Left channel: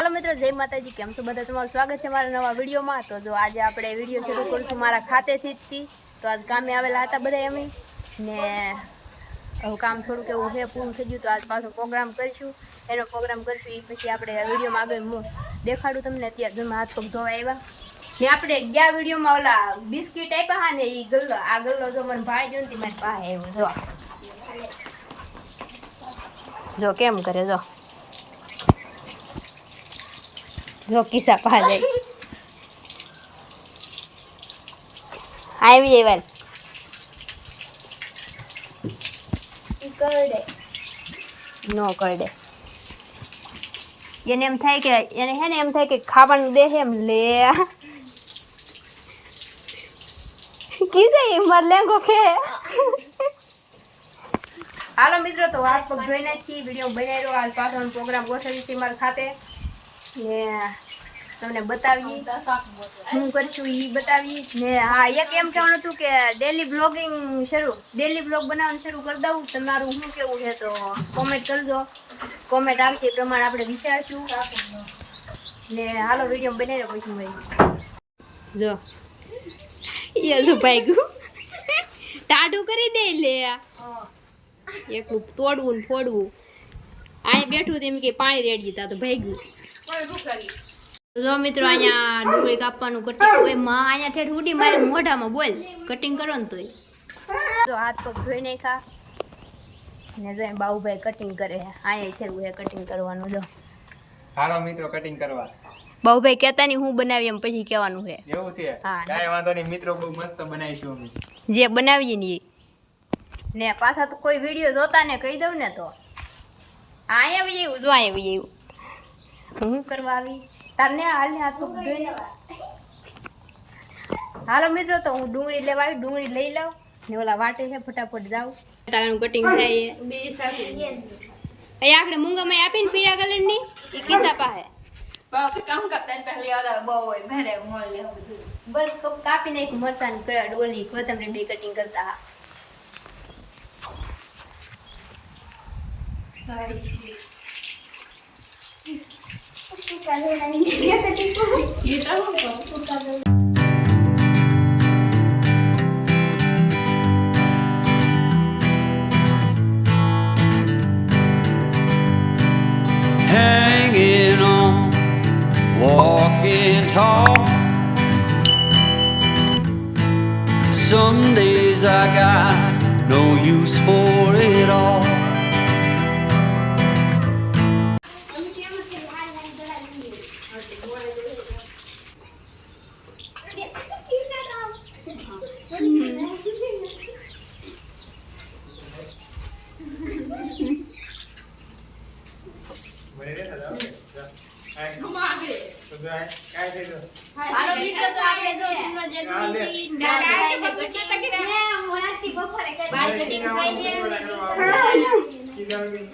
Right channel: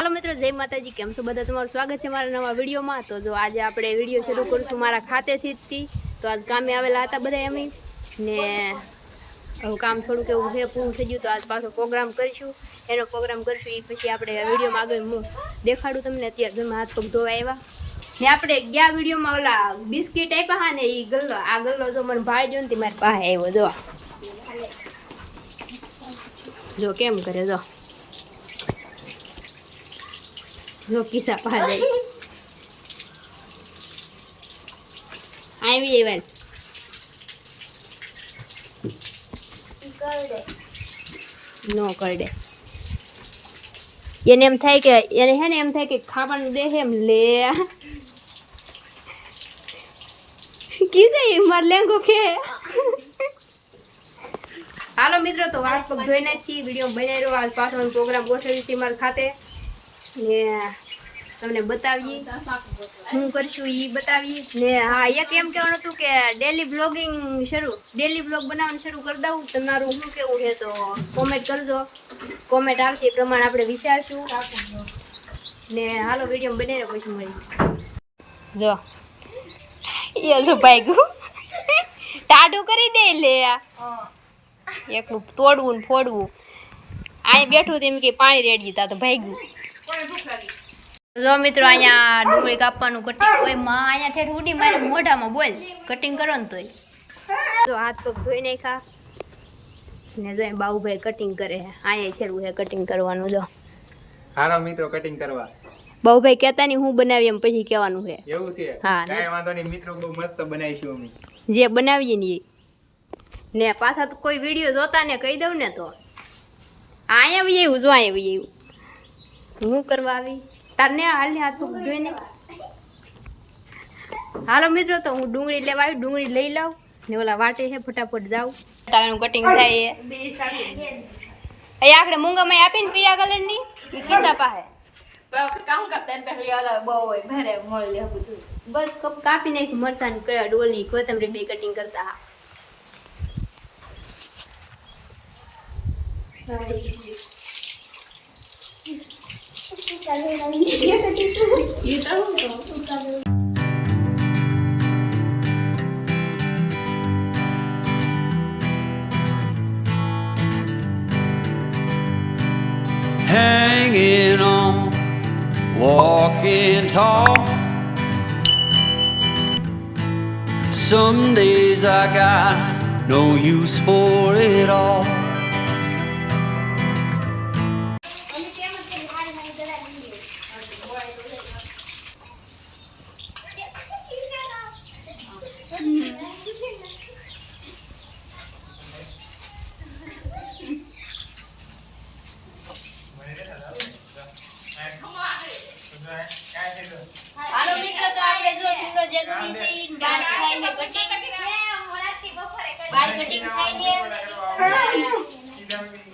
Hello मित्रों, जय माताजी। केम छो बधा? तमारुं स्वागत है मारा नवा विडियो में। तो जो आज आपणे विडियो शुरू करशुं मारा खातेथी ज। तो आज कामे आवेला हता बधाय अमे ने हवे काम थोड़ुं केवुं छे, पूरुं थई गयुं। तो आज पाछो प्रोग्राम करशुं, एनो प्रोग्राम करशुं ई पछी आपणे विडियो में आगळ देखाडुं तमने। अत्यारे जो हाथ पग धोवा आव्या ने आपणे गया विडियो में ओला बिस्किट आप्या हा ने ई गल्लो आ गल्लो जो मने भाई जो ने मारी पासे आव्यो जो केम करे जो किस्सा पा जाए आई वाल नो करडे એને એમ થાય કે એને હે ને એમ થાય કે ખાવાનું દે એમ લે કીસે માર લેંગો કે હાલો મિત્રો તો હાથ પગ ધોઈ નાખી વિડિયો બનાવી રહ્યો આજ પાછો પ્રોગ્રામ ગોઠવી છે માર ખાતે ને તમને બતાવીએ શું કરશું ઈ બતાવીએ ને હા એક એમ કહેવાનું હતું કે ડેલી બ્લોગિંગ ડેલી બ્લોગ બનાવવાનું શરૂ કરી દઉં તમારું શું કેવું છે તો કોમેન્ટ કરજો કોમેન્ટ આવશે એ પ્રમાણે આપણે વિચારશું ને હાલો વિડિયો બનાવી રહ્યો પછી મળી જો એ જો ભાગ્યું ટાઢું કરી દે લે એકલું તોડવું ને ફોડવું અહીં બેઠું તેમ કે પાણી રેડી તા તો ભાગ્યું જો મિત્રો અહીંયા ડુંગળી કાપવાનું કટિંગ ઓય માં અહીંયા ઠેઠ ઉડી મારી મોઢામાં બોલ કટિંગ કરો ને તોય જો હાથ પગ ધોઈ નાખ્યા ને જો બાઉભાઈ કટિંગ કરે છે અહીંયા છેરું છે કટિંગ કરવાનું જો હાલો મિત્રો કટિંગ કરવા બાઉભાઈ કહેતા નહીં હું બનાવી એમ પછી કહેવાનું છે એવું છે હા કાંઈ વાંધો નહીં મિત્રો બહુ મસ્ત બનાવીશું અમે જે બનાવીએ ને ને પાછા તો કોઈ વિડીયો જોતા ને કહી દઉં ને તો અહીંયા આવી આવ્યું જો અહીંયા આવી આવ્યું હું કરવા આવી તારને હાલ ને હાથ પગ ધોઈને હાલો મિત્રો તો હું ડુંગળી લેવા આવી ડુંગળી લઈ લઉં ને ઓલા વાટે છે ફટાફટ જાઉં ટાણાનું કટિંગ થાય એ આખડે મૂંગામાં આપીને પીળા કલરની એ કિસ્સા પાસે બસ કાપી નાખ્યું મરસાની કડા ડોલી કોથમરી બે કટિંગ કરતા હા Hanging on, walking tall. Some days I got no use for it all. હાલો મિત્રો તો આપણે જો સુનો જગવી છે ઈ બાર થાય છે કટિંગ બાર કટિંગ થાય છે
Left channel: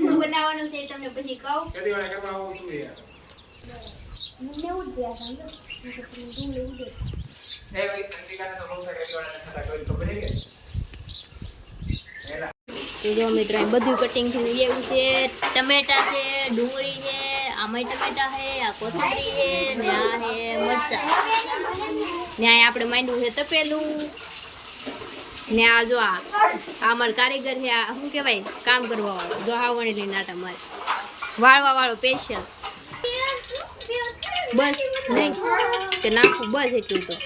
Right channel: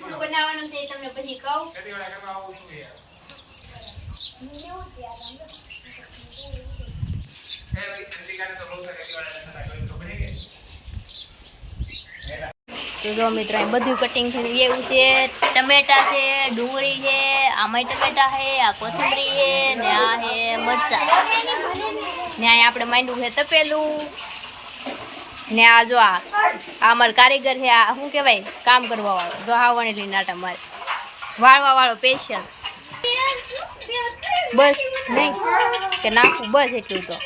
હું બનાવવાનું છે તમને પછી કહું તો જો મિત્રો અહીં બધું કટિંગ થઈને એવું છે ટમેટા છે ડુંગળી છે આમાંય ટમેટા છે આ કોથમરી છે ને આ છે મરચા ને અહીં આપણે માંડવું છે તપેલું ને આ જો આ અમાર કારીગર છે આ શું કહેવાય કામ કરવા વાળો જો હાવણી લઈને આટા મારે વાળવા વાળો સ્પેશિયલ બસ નહીં કે નાખવું બસ એટલું તો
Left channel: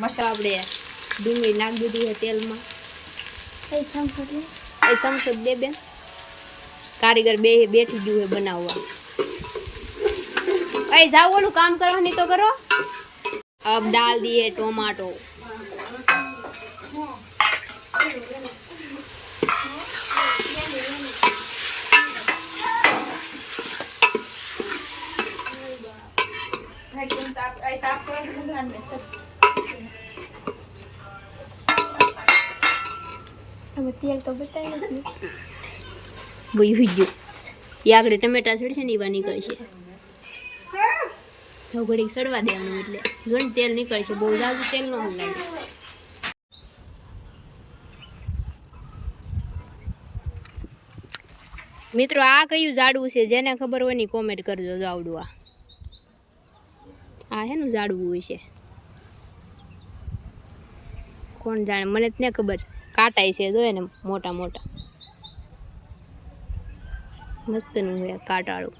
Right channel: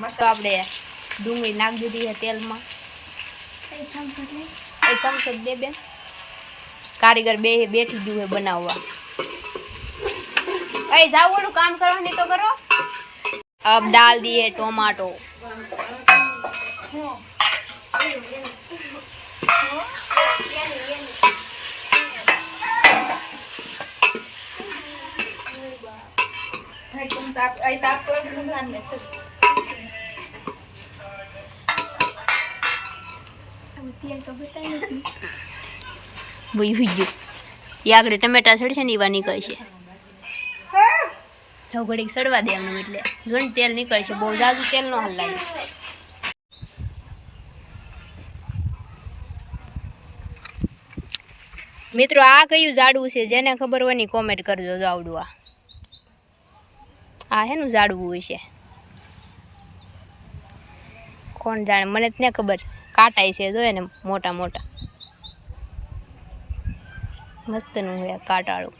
મસ્ત આપણે ડુંગળી નાખી દીધી છે તેલમાં એ ચમચો દે બેન કારીગર બે બેઠી ગયું है बनाववा ए जाओ ओलू काम करो नहीं तो करो अब डाल दिए टमाटो બોઈ હુઈ ગયું એ આગળ ટમેટા સડશે ને એવા નીકળશે તો ઘડીક સડવા દે એમનું એટલે જો ને તેલ નીકળશે બહુ જાજુ તેલ નો હાલ લાગે મિત્રો આ કયું ઝાડવું છે જેને ખબર હોય ને કોમેન્ટ કરજો જો આવડું આ આ હેનું ઝાડવું હોય છે કોણ જાણે મને જ ને ખબર કાંટાય છે જોઈએ ને મોટા મોટા મસ્તનું હોય કાંટાળું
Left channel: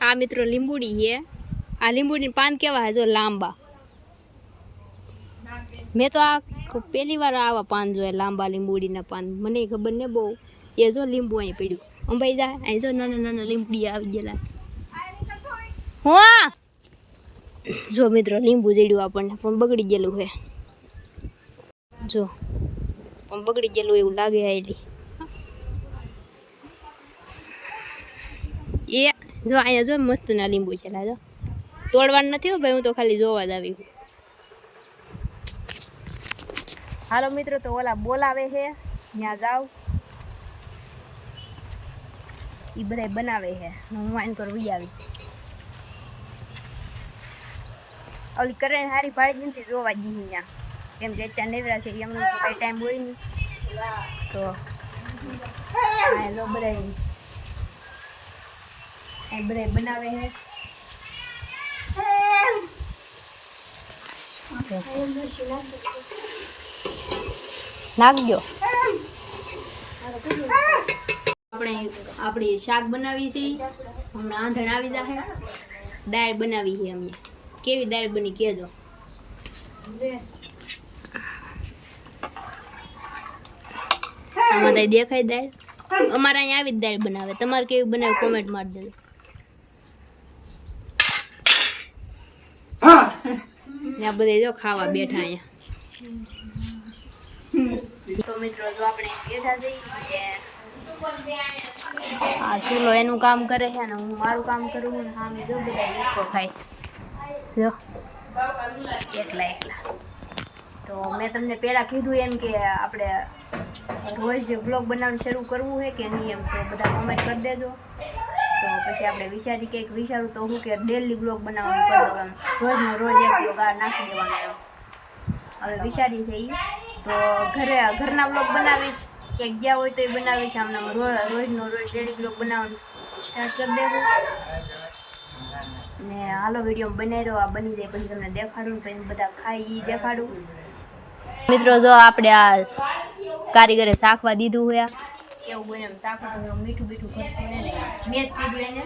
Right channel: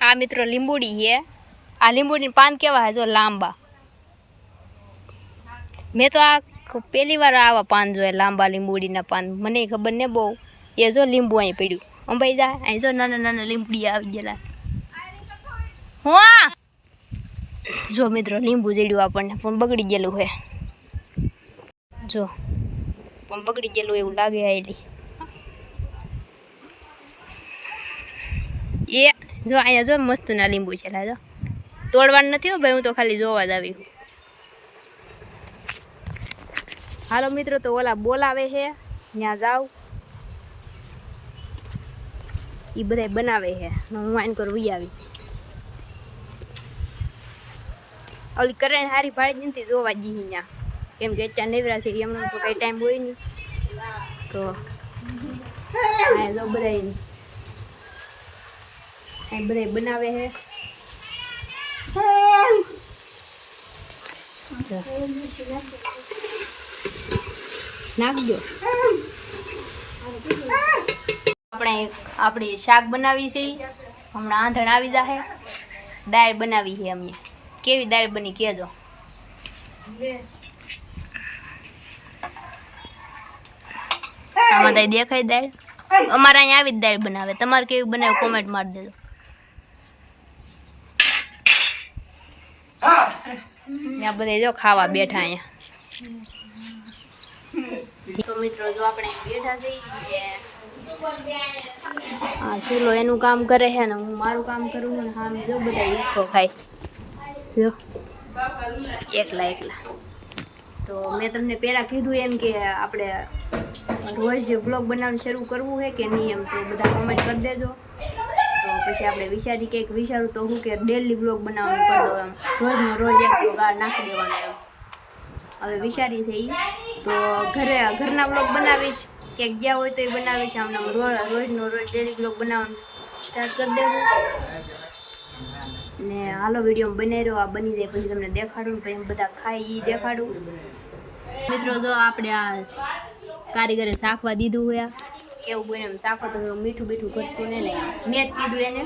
આ મિત્રો લીંબુડી છે આ લીંબુડી પાન કેવા હે જો લાંબા મેં તો આ પહેલી વાર આવા પાન જોયા લાંબા લીંબુડીના પાન મને ખબર ને બહુ એ જો લીંબુ અહીં પડ્યું અંબાઈ જાય અહીં જો નાના નાના લીંબડી આવી ગયેલા હા જો મિત્રો લીંબુ જડ્યું આપણને પણ બગડી ગયેલું છે જો પણ બગડી ગયેલું એવું લાગે આવેલી એ જો અહીંયા જો મસ્ત ના લીંબુ છે જો તોડવાનું નથી હો ભાઈ હું તો ખાલી જોવા જ આવી હું હાલો મિત્રો તો ઓલા બોલાવે છે ત્યાં જાવ એ બધા બનાવે છે હું વાઈન કર વી આવી ઓલી કરે હારી ભાડી નથી જોવા જઈ ત્યાં કેમ કે અત્યારે નેવરા છે એમને તો કઈ ટાઈમ હોય નહીં તો હા જો બધા અહીં બધા બનાવે છે નાખજો આપણે આપણી શાક બનાવી છે હમણાં આંધણ આવી જાહે દાળ બનાવી છે અમે કેવી દાળ બની કહેજો આમાં તાઈ દેખાય દાળ અમારે અહીંયા આવી જ દાળ બનાવે તમારે કેવી બનાવે કોમેન્ટ મારી દેજો ત્યાં બધા જો ખાવા બેઠા અહીંયા તો મિત્રો જો આપણે બેઠા જઈએ આ ચૂલો એનું કામ કરે છે ને હું મારું કામ કરું ને હા જો બધા હિસકો ખાય જો એકલા એકલા તો મેં તમને પહેલાં કીધું એમ કે આપણે રોજ બ્લોગ બનાવવાનું શરૂ કરવું છે કે નહીં એમ તો બધા કોમેન્ટ કરી દેજો તો પછી આપણે વિચારી કંઈક વિચારું તો હું કે ડેલી બ્લોગ બનાવવાનું કરી દઉં એમ રોજનો રોજ એક બ્લોગ આ નાખી દેવાનો એમ હવે વિચારી છે એ તો ઘરના બ્લોગ બનાવીશ ક્યાંક ગયા હોય તો એ બનાવીશ આમને રોજનો રોજ ડેલી બ્લોગ બનાવવાનું સ્ટાર્ટ કરી દેવું ને હાલો વિડીયો બનાવી રહ્યો આ બની જાય પછી તમને દેખાડું પછી બધા ખાઈ એ દેખાડું મિત્રો જો આપણે આ કારીગરે શાકવા દીધું હોય કેવું બને એમ શાકો તો મીઠું બીઠું ઘટતું ને મેં જ કીધું એને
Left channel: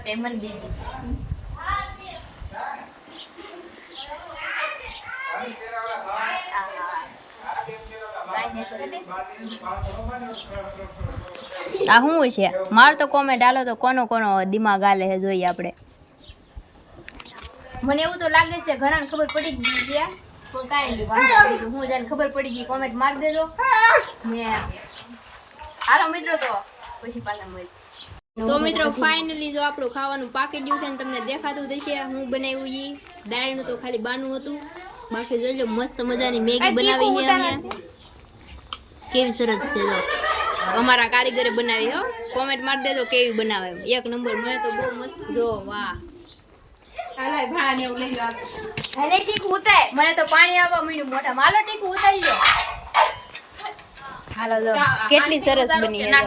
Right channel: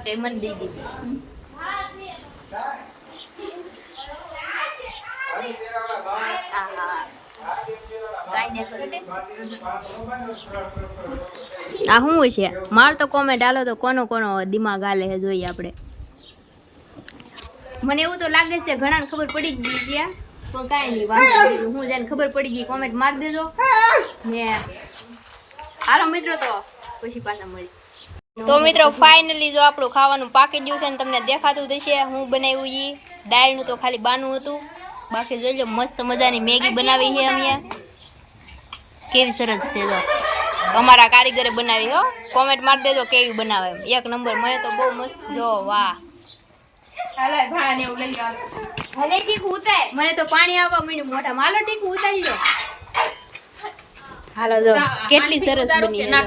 તો એ મને દઈ દીધું આ શું છે માર તો કોમેન્ટ હાલો તો કોનો કોનો દિમાગ હાલે છે જોઈએ આપણે મને એવું તો લાગે છે ઘણાને ખબર પડી જ ગઈ ગયા પણ કાંઈ નહીં વાંધો હું જેને ખબર પડી ગઈ કોમેન્ટ મારી દેજો ને હાલો મિત્રો તો પછી પાછા મળી તો મિત્રો ફાઇનલી જો આપણું ખાવાનું પાકી ગયું છે ને તમને દેખાતું થશે હું બનાવ્યું એ દાળનું તો ખાલી બાનું હતું બાકી જોઈ લો મસ્ત મજાની મેગી બનાવી છે અમે કેવી સરસ છે જો અમારા કારીગરે બનાવી હો કોમેન્ટ મારી દેજો કેવી બનાવે એમ એક નંબર મને તો બહુ મસ્ત જો વાહ મને તો પાણી આવવા માંડ્યું મોઢા હાલો ટીકું ઉતારી લો હાલો જો કેટલી સરસ બની છે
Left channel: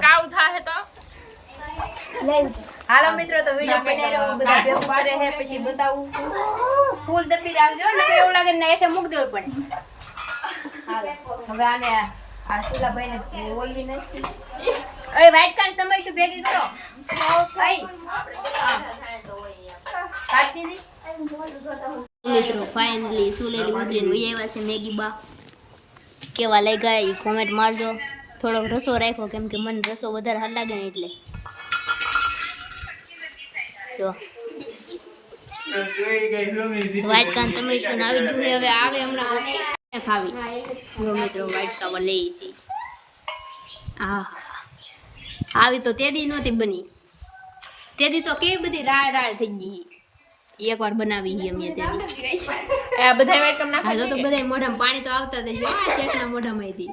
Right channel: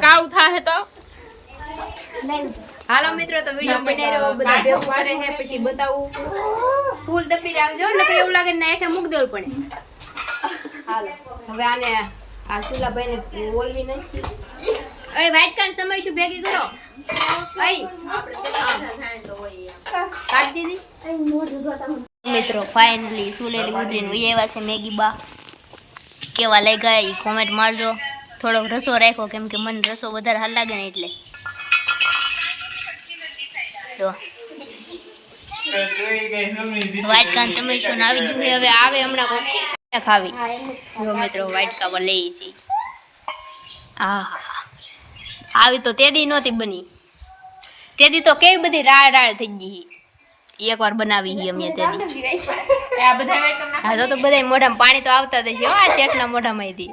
હાલો મિત્રો તો વિડીયો બનાવી રહ્યો બધા ભેગું કરે છે પછી બતાવું ફૂલ દબી રાખજો નકર એવું લાગે ને હેઠે મૂક દેવું પડે હાલો હવે આને આ સુલાભાઈ ને ઓલવી નથી અરે વાઈટ કાન સમય શું ભેગી કરો અઈ કાઢી દીધી મિત્રો ફાઇનલી સુલેલી ઉતરીને વહી આવ્યા છે મેગી બા કેવા લાગ્યા એ કોમેન્ટ મારજો થોડોક રસો રાખ્યો કેમ કે મને રસો વધારે હાલ લાગે ને એટલે જો વાઈટ કાન તમે શું આવી ગયું હવે આવે હમણાં કોક ખાવી જો મિત્રો વાઈટ કાવા લઈ છે આ આવી તો તેદી નહોતી બની તેદી તો કેવી બધી રાળ રાળ થઈ ગઈ એકવાર બનાવી હી અમે તેદી આ બધા વાઈટ કામ નાખા હા તો બધા મોઢામાં પાણી તો આવતા જ છે આ ચેટના મોઢામાંથી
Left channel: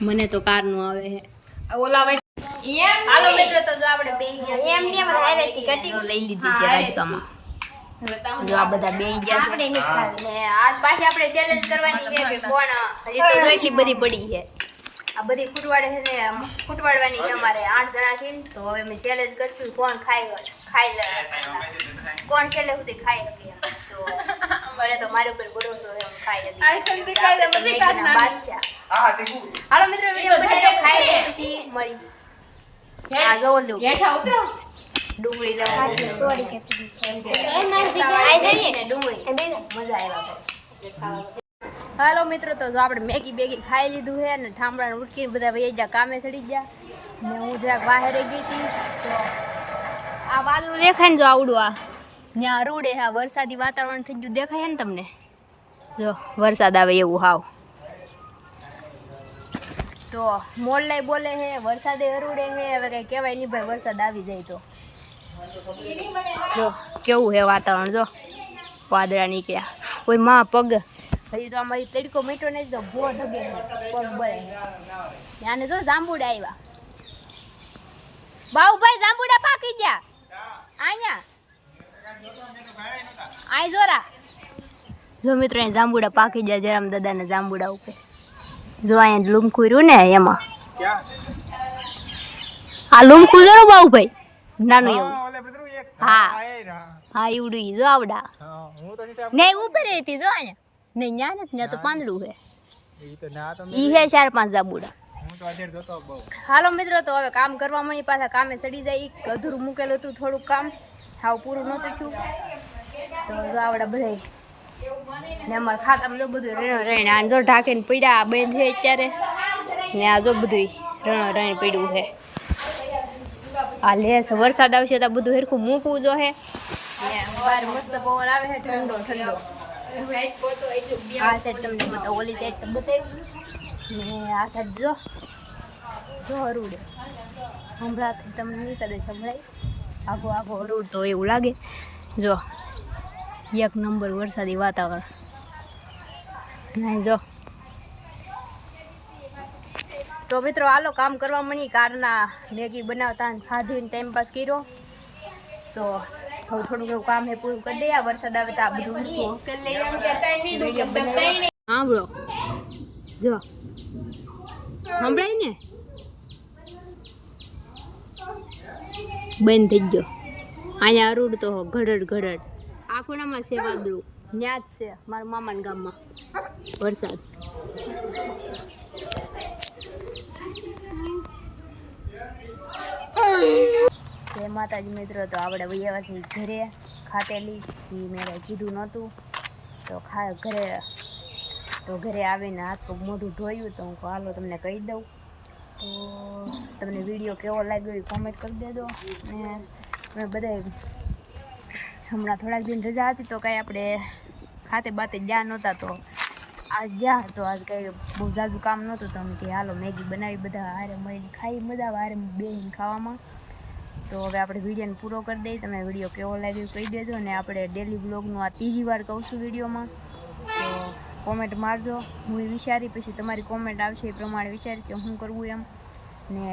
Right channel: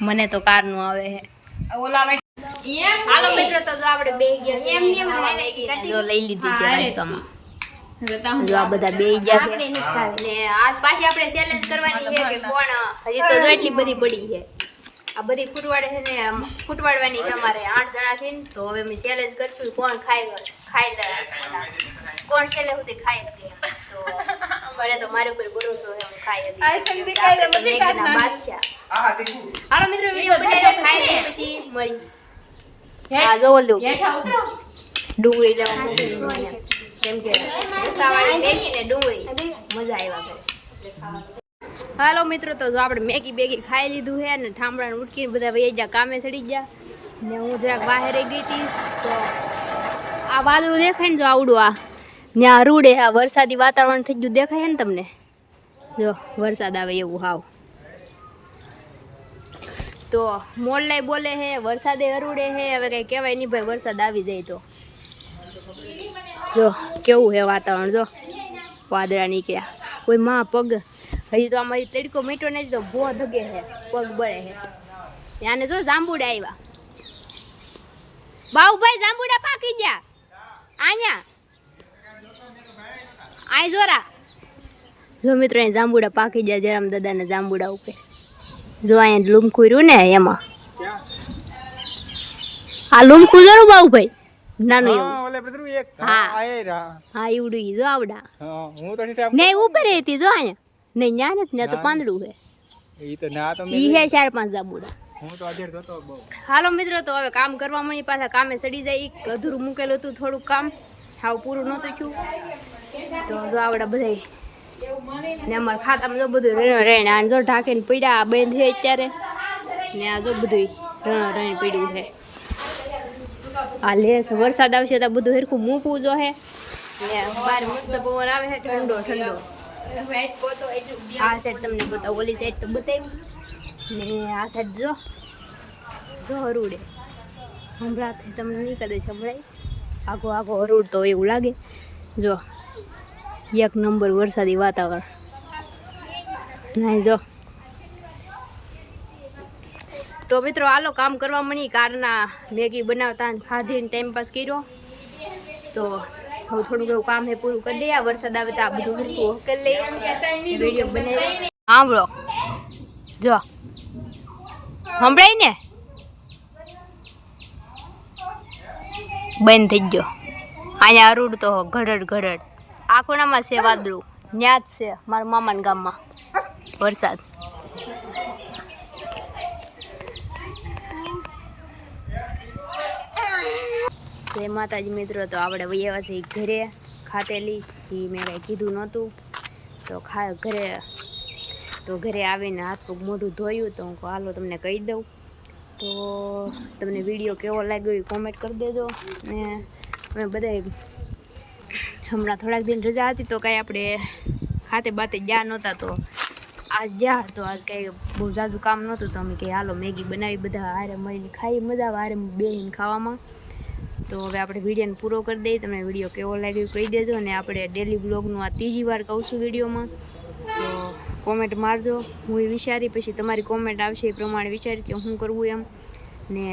મને તો કાર નું આવે છે ઓલા હાલો મિત્રો તો જો આપણે બે ગયા એમ લઈ લીધી છે વાટકામાં જો આ બધા બેહી ગયા છે ને આજ પાછી આપણે ચેલેન્જ કરવાની છે કે કોણ હજી તો જો એટલી બધી પડી છે આ બધી ફૂટવાડે છે ને ફૂટવાડવાની છે અમારે 8 જણા થી તો હવે અમે ચેલેન્જ કરશું કોણ ખાઈ લે કોણ છેલ્લે સુધી ખાઈ શકે તો મને તો મારી ઉપર ભરોસો છે હું ખાઈ હતી આપણે તો મેગીના બાદશાહ હાલો મિત્રો વિડિયો બનાવ્યો ખાઈ લઈ પછી મળી આ જો લો ડુંગળી લેવા મોકલી કેમ કે રસાવાળી મેગી ને ડુંગળી મજા આવ્યા કરે હાલો મિત્રો તો જો આપણે મેગી બેગી ખાઈ લીધું છે ને ઠામડા ઉટકીને બધા વહી ગયા કામે ચડી ગયા ને હું જરાક બહાર રહી ગઈ હતી તો આ વાદળું દેખાય ને જો આવડું આ ત્યાં રૂડે આ વરસાદી વાતાવરણ થઈ ગયું દેખાય ને તમને જો વરસાદ આવે એવું હાવ તો મોરલાઈ બોલે હે વરસાદે અરૂડે હે હવે કઈ કહેવાય નહીં ભાઈ વરસાદ આવી જાય તો જો કેવું હે વાતાવરણ જો વાદળા નીકળ્યા કોઈ માં પગ હજી તો અમારી તડકો મીઠો નહીં તો ભો ધગે હે પગ બળે હે ત્યાંને જો જાંબુડા આવ્યા બાઉભાઈ જાંબુડા પાકી ગયા અહીંયા આય જોરા જો મિત્રો અહીં જાંબુડા પાકી ગયા જરામ દાદાના જાંબુડા ઉપર જો અહીંયા લૂમખું રહ્યું ને એમાં આ લૂમખું જોરું બાઉભાઈ નાનું એવું હા હા એવડું ઈ જો આવડા ને ઉપર હતી જો અહીંયા નહીં ન્યા નથી ત્યાં તો પાંદડું હે ઈ હે 4-5 જાંબુડા હાલો મિત્રો તો હવે કામ કરવા મળી પાછા કામે ચડી જાય અધૂરું મૂકેલું હતું થોડુંક કામ હાવ પૂરું નહોતું થયું તો જો આવડા બધા ને અમારા ખાતામાં જો બધું રેણ આ જો ઢાંકીને પડ્યા બંધ છે અત્યારે ને આ જો બધું રેણ પડ્યું છે આ લેસ વરસાદ આવશે તો બધું હરખું મૂકવું જો હે ને બહાર મસ્ત પવન આવે છે ઠંડો ઠંડો આ સાઈડ તમને બતાવું ઓલી સાઈડ તો બતાવ્યું ને આ સાઈડ જો હરુડે હમણાં તમને નહીં કદાચ સંભળાય આઘો હરુડ તો એવું લાગે જો એક નંબર વરસાદી વાતાવરણ નહીં જો તો મિત્રો આલો કામ કરવા મળી કારના મેગી બનાવતા ખાધીને ટાઈમ પાસ કર્યો તો હવે થોડુંક એવું કામ હે પૂરું કરી દઈએ વરસાદ આવે તો આ બધું હરખું કરી લઈએ વિડીયો બનાવી સાંભળો જો સંભળાય ને બંધ થઈ ગયો અહીંયા અરૂડ તો ઘડડ આ ખૂણામાં છે વાદળું ત્યાં જ છે મારા મામાના ગામમાં વરસાદ જય માતાજી મિત્રો તો આપણે વૈયા છે ઘરે ખાતેલી એ મેં કાંઈ કીધું નહોતું તો ઘરે આવીને હાથ પગ મોઢું ધોયું તો હું હાલો તમને કહી દઉં તો તમને વિડીયો કેવો લાગ્યો એ કોમેન્ટ કરી દેજો ને અમે બધા હમણાં થોડાક દિન રજા હતી તો કાંઈ આપણે ખાતે બાતે ગયા નહોતા તો આજ ગયા તો આજ કાંઈ બહુ ઝાઝું કામ નહોતું તો અમે કંઈ હાલો મેગી બનાવી બધા હારે મળીને ખાઈ મજા આવે હારે બેસીને ખાવામાં તો હવે આપણે વિડીયોને પૂરો કરી દઈએ તમને વિડીયો કેવો લાગ્યો કહી દેજો અને આપણે ડેલી બ્લોગનું આ ત્રીજી વાર કહું છું વિડીયોમાં તો કોમેન્ટ મારજો હું એ વિચારી પછી તમારી કોમેન્ટ આવશે એ પ્રમાણે વિચારી કે શું કરવું એમ ને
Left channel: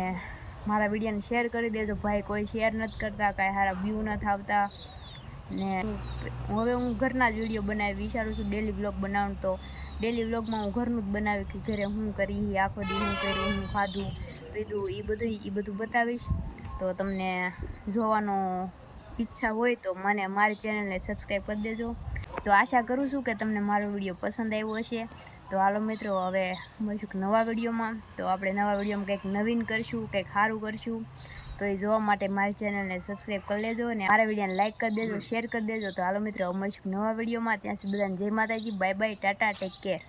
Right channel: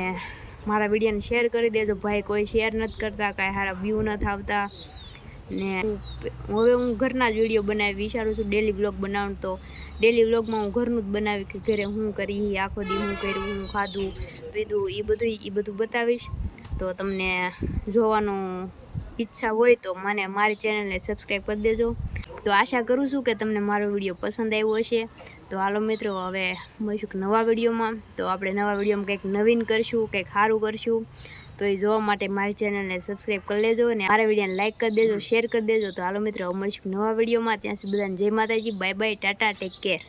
મારા વિડીયોને શેર કરી દેજો ભાઈ કોઈ શેર નથી કરતા કાંઈ સારા વ્યૂ નથી આવતા ને હવે હું ઘરના જ વિડીયો બનાવી વિચારું છું ડેલી બ્લોગ બનાવવાનું તો ડેલી બ્લોગમાં હું ઘરનું જ બનાવી કે ઘરે હું કરી આખો દી હું કર્યું હું ખાધું પીધું એ બધું બતાવીશ તો તમને જોવાનું ઈચ્છા હોય તો મને મારી ચેનલને સબસ્ક્રાઈબ કરી દેજો તો આશા કરું છું કે તમને મારો વિડીયો પસંદ આવ્યો હશે તો હાલો મિત્રો હવે મળીશું નવા વિડીયોમાં તો આપણે નવા વિડીયોમાં કંઈક નવીન કરશું કંઈક સારું કરશું તો એ જોવા માટે મારી ચેનલને સબસ્ક્રાઈબ કરી લેજો અને મારા વિડીયોને લાઈક કરી દેજો શેર કરી દેજો તો હાલો મિત્રો મળીશું નવા વિડીયોમાં ત્યાં સુધી બધાને જય માતાજી bye bye Tata take care